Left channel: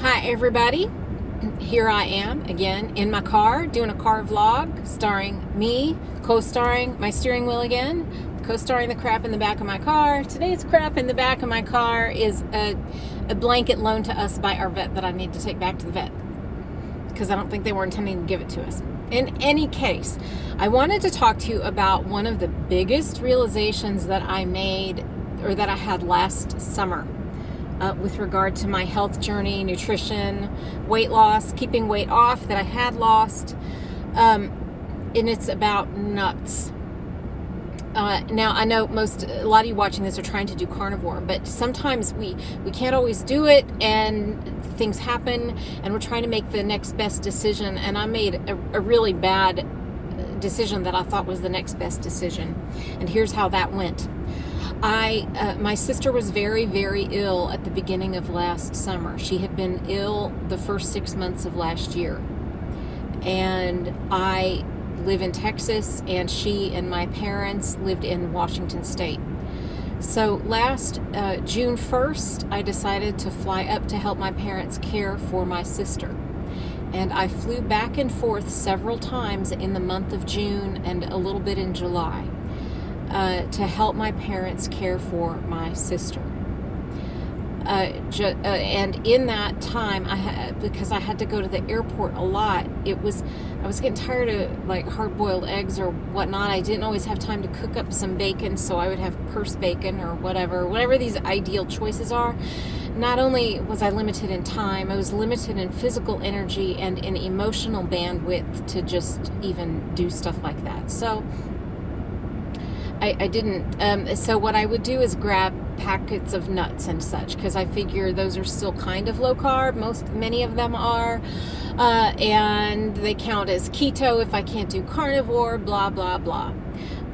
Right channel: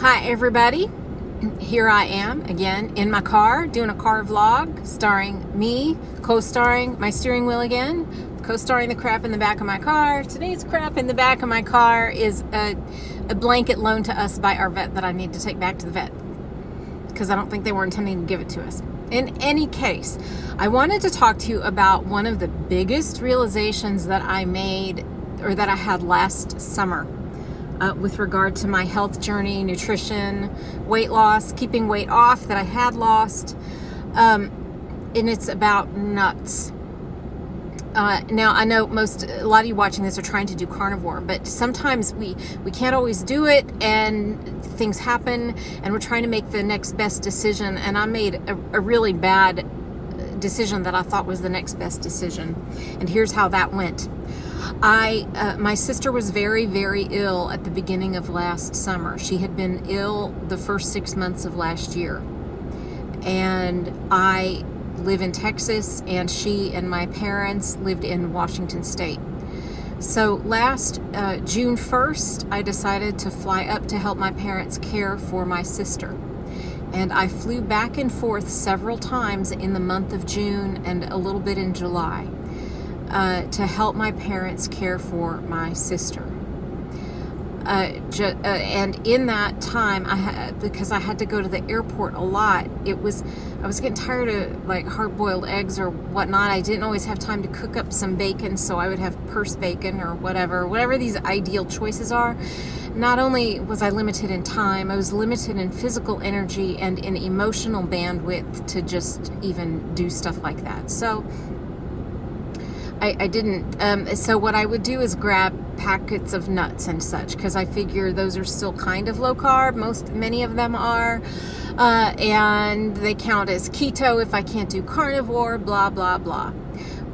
Hi everybody, here I am again in my car doing a car vlog starring me, co-starring my steering wheel again, co-starring the crap in the back of my car. Today's crap in the back of my car is a blanket loaned to us by our vet that I need to take back to the vet because I don't think they were intending to give it to us. In any case, I wanted to talk to you about one of the biggest realizations that I made or that I had last summer. With regard to my health journey, nutrition, weight loss, keeping weight off that I had lost, and it's about nuts. Now, I know a lot of you watching this are trying to do carnivore, but sometimes we can't always do it, and things happen, and we're trying to make the next best decision, and I made a really bad decision that I thought was the next best decision, and here's how that went. My sister was very, very ill at the beginning of last summer. She had been ill the first 6 months of last year. And I live in Texas, and she and my parents lived in Washington State. So last June 1st, I decided to fly up to help my parents care for my sister. And I flew back and forth several times in the month of June and a little bit in July. To help my parents care for my sister. And in that time, because I had to go to the airport a lot, I was getting tired of like hard-boiled eggs or whatnot. I didn't always have time to cook up some bacon, so I would have purse bacon or whatever these ideal choices are. Not only was I limited in time, I was limited in physical energy and in emotional bandwidth to just even do stuff like that. So I didn't, so what I would do is grab packets of nuts and such, because I figure those are still kind of low carb, many of them are, and they count as keto if I can't do carnivore, blah, blah, blah.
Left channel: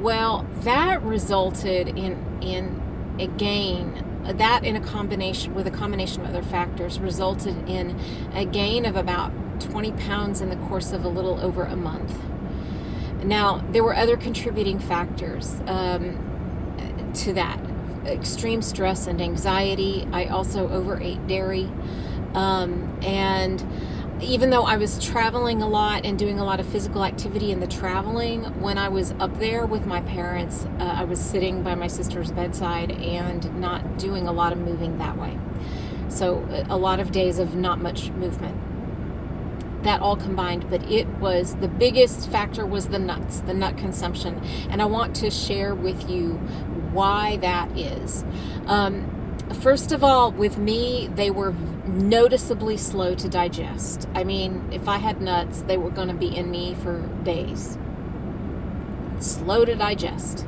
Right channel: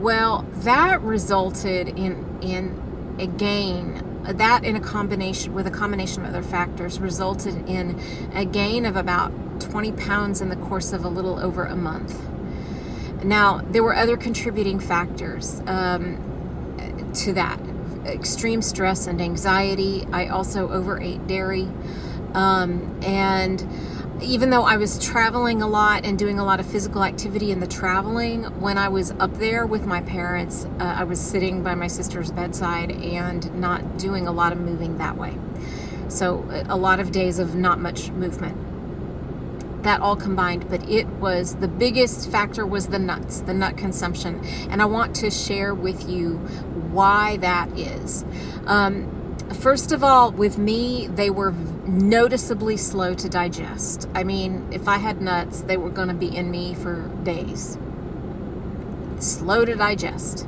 Well, that resulted in a gain, that in a combination of other factors, resulted in a gain of about 20 pounds in the course of a little over a month. Now, there were other contributing factors to that. Extreme stress and anxiety. I also overate dairy. And even though I was traveling a lot and doing a lot of physical activity in the traveling, when I was up there with my parents, I was sitting by my sister's bedside and not doing a lot of moving that way. So a lot of days of not much movement. That all combined, but the biggest factor was the nuts, the nut consumption. And I want to share with you why that is. First of all, with me, they were noticeably slow to digest. I mean, if I had nuts, they were going to be in me for days. Slow to digest.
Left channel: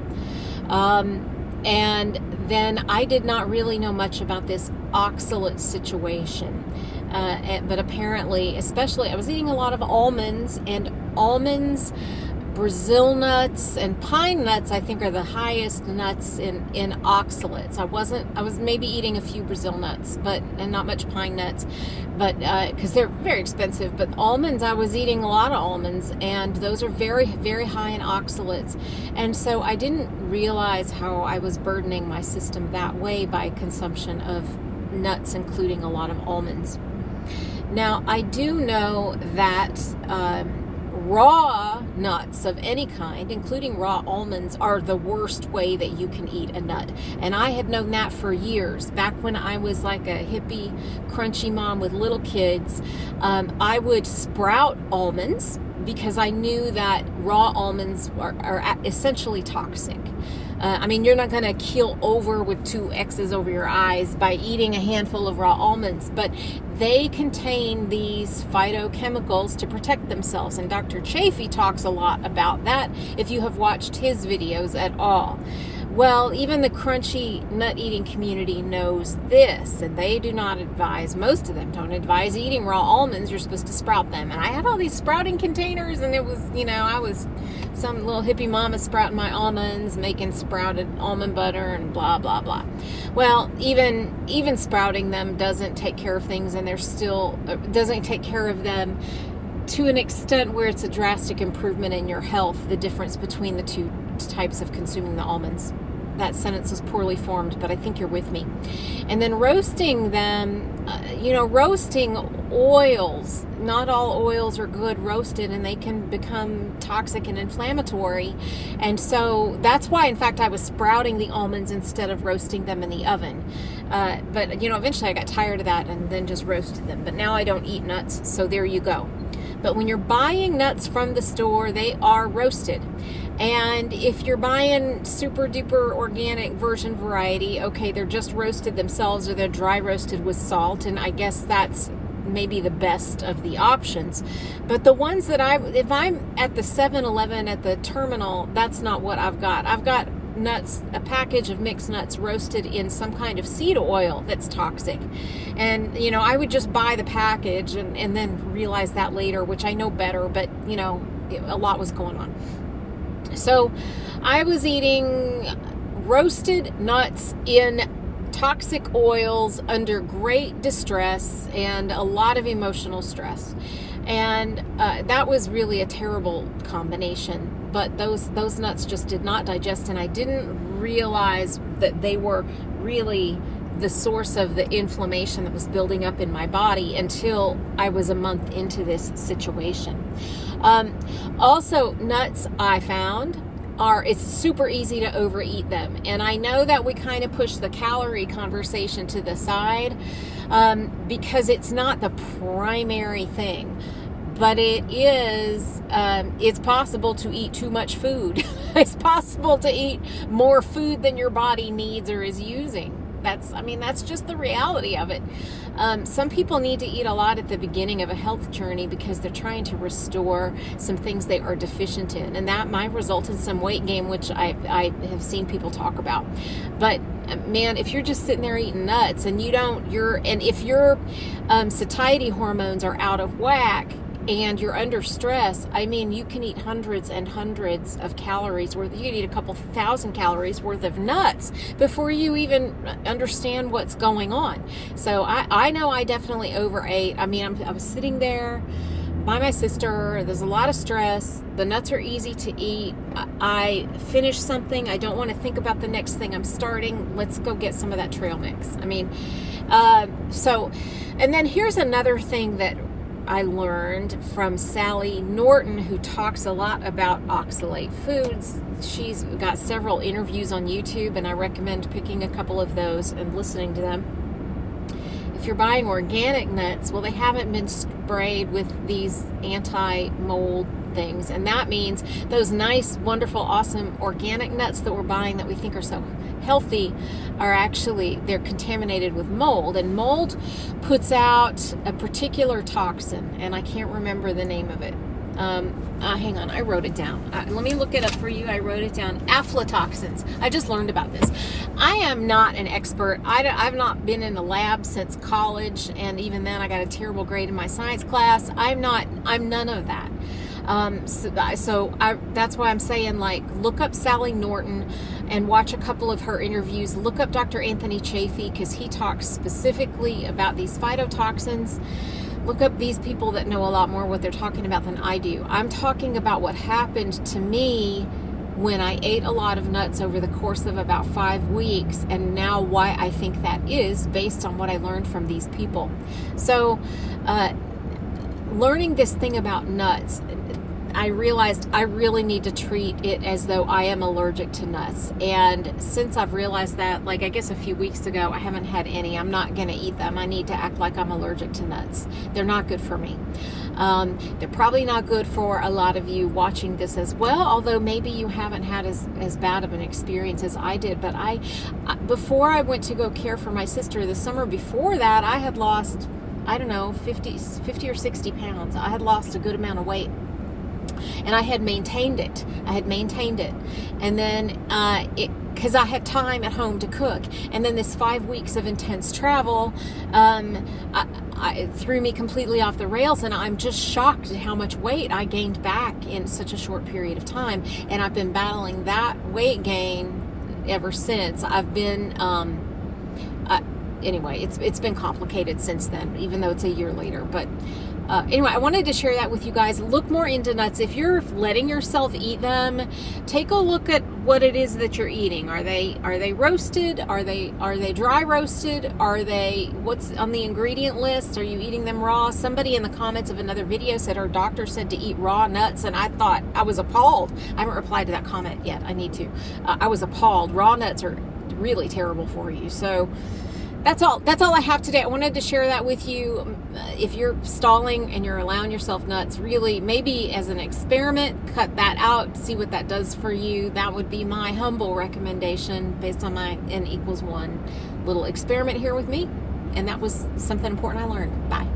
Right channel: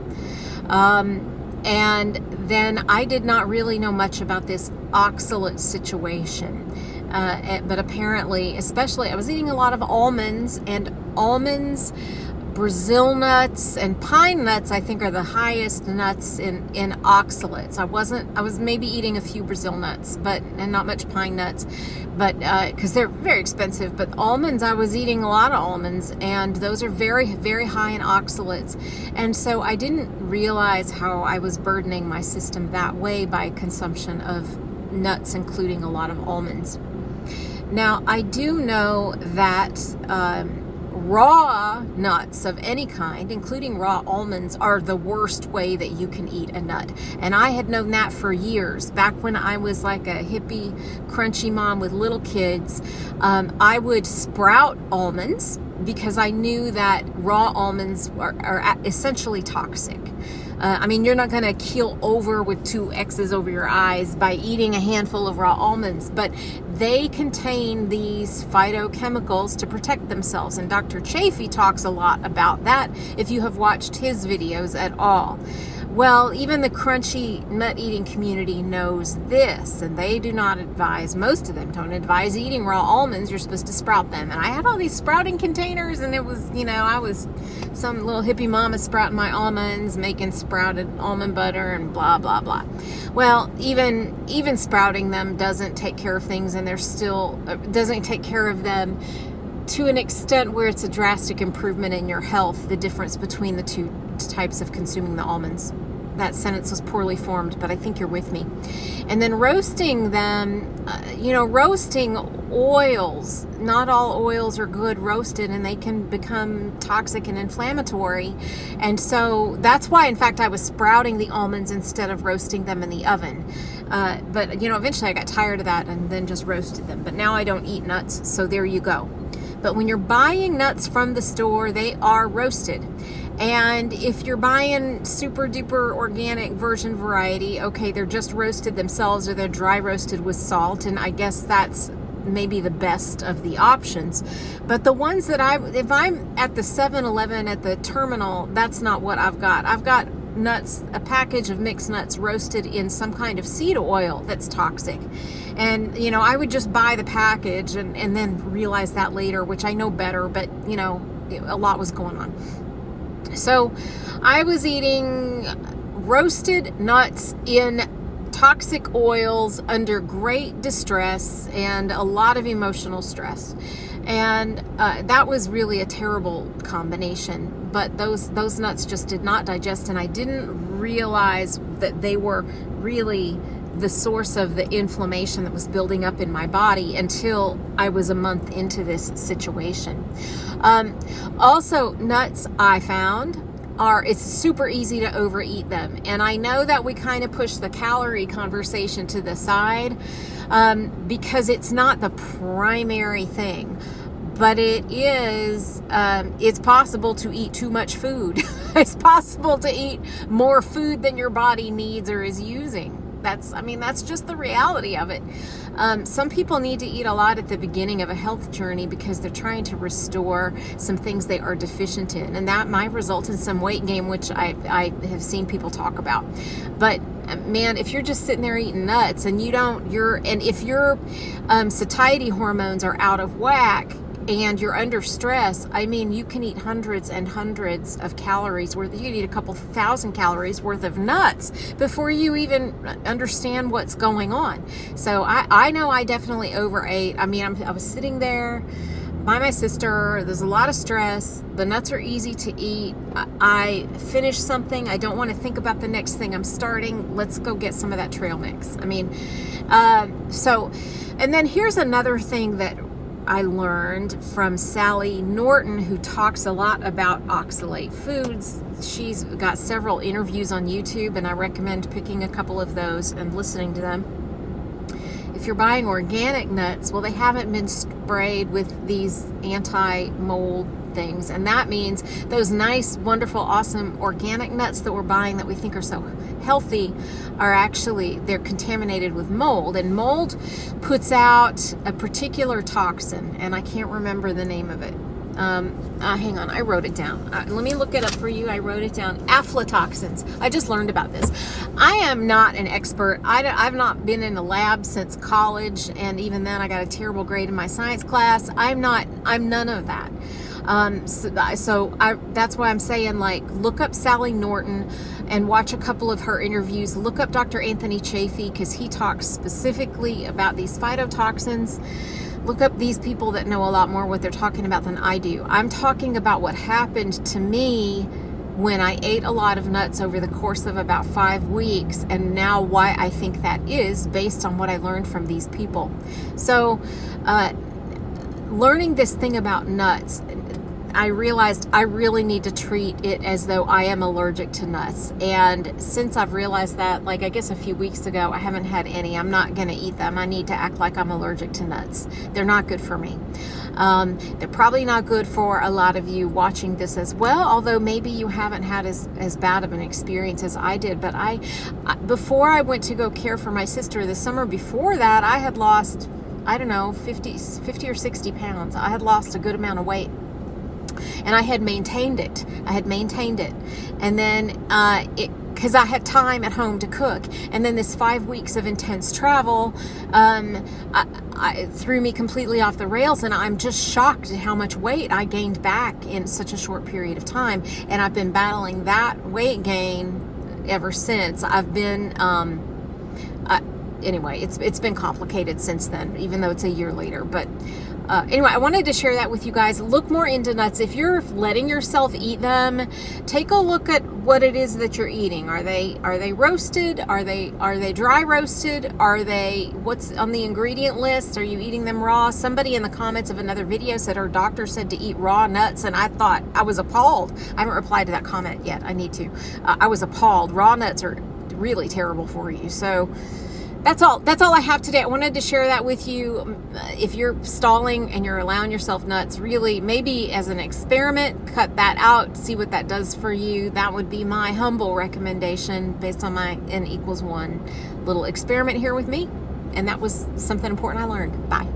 And then I did not really know much about this oxalate situation. But apparently, especially, I was eating a lot of almonds, Brazil nuts, and pine nuts, I think, are the highest nuts in oxalates. I was maybe eating a few Brazil nuts, and not much pine nuts, but because they're very expensive. But almonds, I was eating a lot of almonds, and those are very, very high in oxalates. And so I didn't realize how I was burdening my system that way by consumption of nuts, including a lot of almonds. Now, I do know that raw nuts of any kind, including raw almonds, are the worst way that you can eat a nut. And I had known that for years. Back when I was like a hippie, crunchy mom with little kids, I would sprout almonds because I knew that raw almonds are essentially toxic. I mean, you're not going to keel over with 2 X's over your eyes by eating a handful of raw almonds, but they contain these phytochemicals to protect themselves. And Dr. Chafee talks a lot about that if you have watched his videos at all. Well, even the crunchy nut-eating community knows this, and they do not advise, most of them don't advise eating raw almonds. You're supposed to sprout them. And I had all these sprouting containers, and it was, I was some little hippie mama sprouting my almonds, making sprouted almond butter and blah, blah, blah. Well, even sprouting them doesn't take care of things, and doesn't take care of them to an extent where it's a drastic improvement in your health, the difference between the two types of consuming the almonds. that sentence was poorly formed, but I think you're with me. And then roasting them, roasting oils, not all oils are good roasted, and they can become toxic and inflammatory. And so that's why, in fact, I was sprouting the almonds instead of roasting them in the oven. But eventually I got tired of that and then just roasted them. But now I don't eat nuts, so there you go. But when you're buying nuts from the store, they are roasted. And if you're buying super duper organic virgin variety, okay, they're just roasted themselves, or they're dry roasted with salt. And I guess that's maybe the best of the options. But the ones that if I'm at the 7-Eleven at the terminal, that's not what I've got. I've got nuts, a package of mixed nuts roasted in some kind of seed oil that's toxic. And, I would just buy the package and then realize that later, which I know better, but, a lot was going on. So I was eating roasted nuts in toxic oils under great distress and a lot of emotional stress. And that was really a terrible combination. But those nuts just did not digest, and I didn't realize that they were really the source of the inflammation that was building up in my body until I was a month into this situation. Also, nuts, I found, it's super easy to overeat them. And I know that we kind of push the calorie conversation to the side because it's not the primary thing. But it is, it's possible to eat too much food. It's possible to eat more food than your body needs or is using. That's just the reality of it. Some people need to eat a lot at the beginning of a health journey because they're trying to restore some things they are deficient in. And that might result in some weight gain, which I have seen people talk about. But man, if you're just sitting there eating nuts and if your satiety hormones are out of whack, and you're under stress, you can eat hundreds and hundreds of calories worth. You can eat a couple thousand calories worth of nuts before you even understand what's going on. So I know I definitely overate. I was sitting there by my sister. There's a lot of stress. The nuts are easy to eat. I finish something. I don't want to think about the next thing I'm starting. Let's go get some of that trail mix. And then here's another thing that I learned from Sally Norton, who talks a lot about oxalate foods. She's got several interviews on YouTube, and I recommend picking a couple of those and listening to them. If you're buying organic nuts, well, they haven't been sprayed with these anti-mold things, and that means those nice, wonderful, awesome organic nuts that we're buying that we think are so healthy they're contaminated with mold, and mold puts out a particular toxin, and I can't remember the name of it. Hang on, I wrote it down. Let me look it up for you. I wrote it down. Aflatoxins. I just learned about this. I am not an expert. I've not been in a lab since college, and even then I got a terrible grade in my science class. I'm none of that. That's why I'm saying, look up Sally Norton and watch a couple of her interviews. Look up Dr. Anthony Chaffee, because he talks specifically about these phytotoxins. Look up these people that know a lot more what they're talking about than I do. I'm talking about what happened to me when I ate a lot of nuts over the course of about 5 weeks, and now why I think that is based on what I learned from these people. So, learning this thing about nuts, I realized I really need to treat it as though I am allergic to nuts. And since I've realized that, I guess a few weeks ago, I haven't had any. I'm not going to eat them. I need to act like I'm allergic to nuts. They're not good for me. They're probably not good for a lot of you watching this as well, although maybe you haven't had as bad of an experience as I did. But before I went to go care for my sister the summer before that, I had lost, 50 or 60 pounds. I had lost a good amount of weight. And I had maintained it. And then, because I had time at home to cook. And then this 5 weeks of intense travel, I threw me completely off the rails. And I'm just shocked at how much weight I gained back in such a short period of time. And I've been battling that weight gain ever since. I've been, anyway, it's been complicated since then, even though it's a year later. But anyway, I wanted to share that with you guys. Look more into nuts. If you're letting yourself eat them, take a look at what it is that you're eating. Are they roasted? Are they dry roasted? What's on the ingredient list? Are you eating them raw? Somebody in the comments of another video said her doctor said to eat raw nuts, and I was appalled. I haven't replied to that comment yet. I need to. I was appalled. Raw nuts are really terrible for you. So that's all I have today. I wanted to share that with you. If you're stalling and you're allowing yourself nuts, really, maybe as an experiment, cut that out, see what that does for you. That would be my humble recommendation based on my N=1 little experiment here with me. And that was something important I learned. Bye.